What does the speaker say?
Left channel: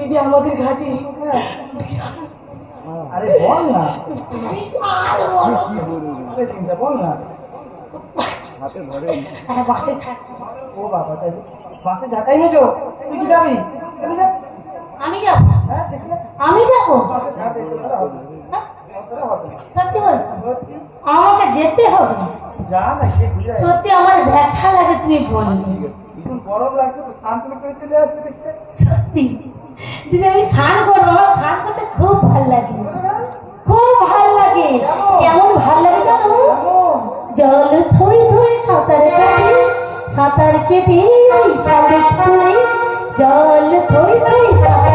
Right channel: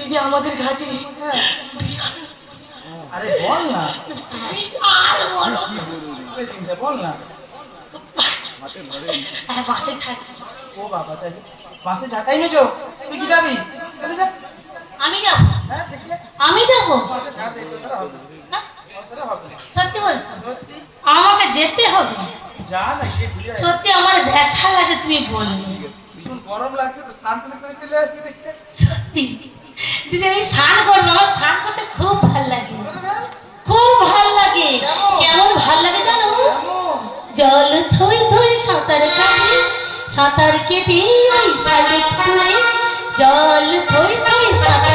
দিদি আমাদের ঘাটে আরে বল না বল না বাসে থাক ও বাবা তাই বাসে ঝাঁটাই মেজো তুই কি যাবি চলে যা আমি যাবো হ্যাঁ দেখলে আমি যাবো বাসে ঝাড় দে তোরা হবে সত্যি বলছো আমাকে যেতে হবে যা না গিয়ে ঘুরে সত্যি আমার ব্যথা লাগে তুমি বললে ভীষণ গরম লাগছে তো স্নান করে চলে আসবি দেখতে সত্যি দিদি আমি স্নান করবো আমার স্নান করতে খুব ভাল লাগে খুব ভাল লাগে কেমন ভাল লাগে জানো জল থই থই সাঁতার কেটে শালিক তুলে জল থই থই সাঁতার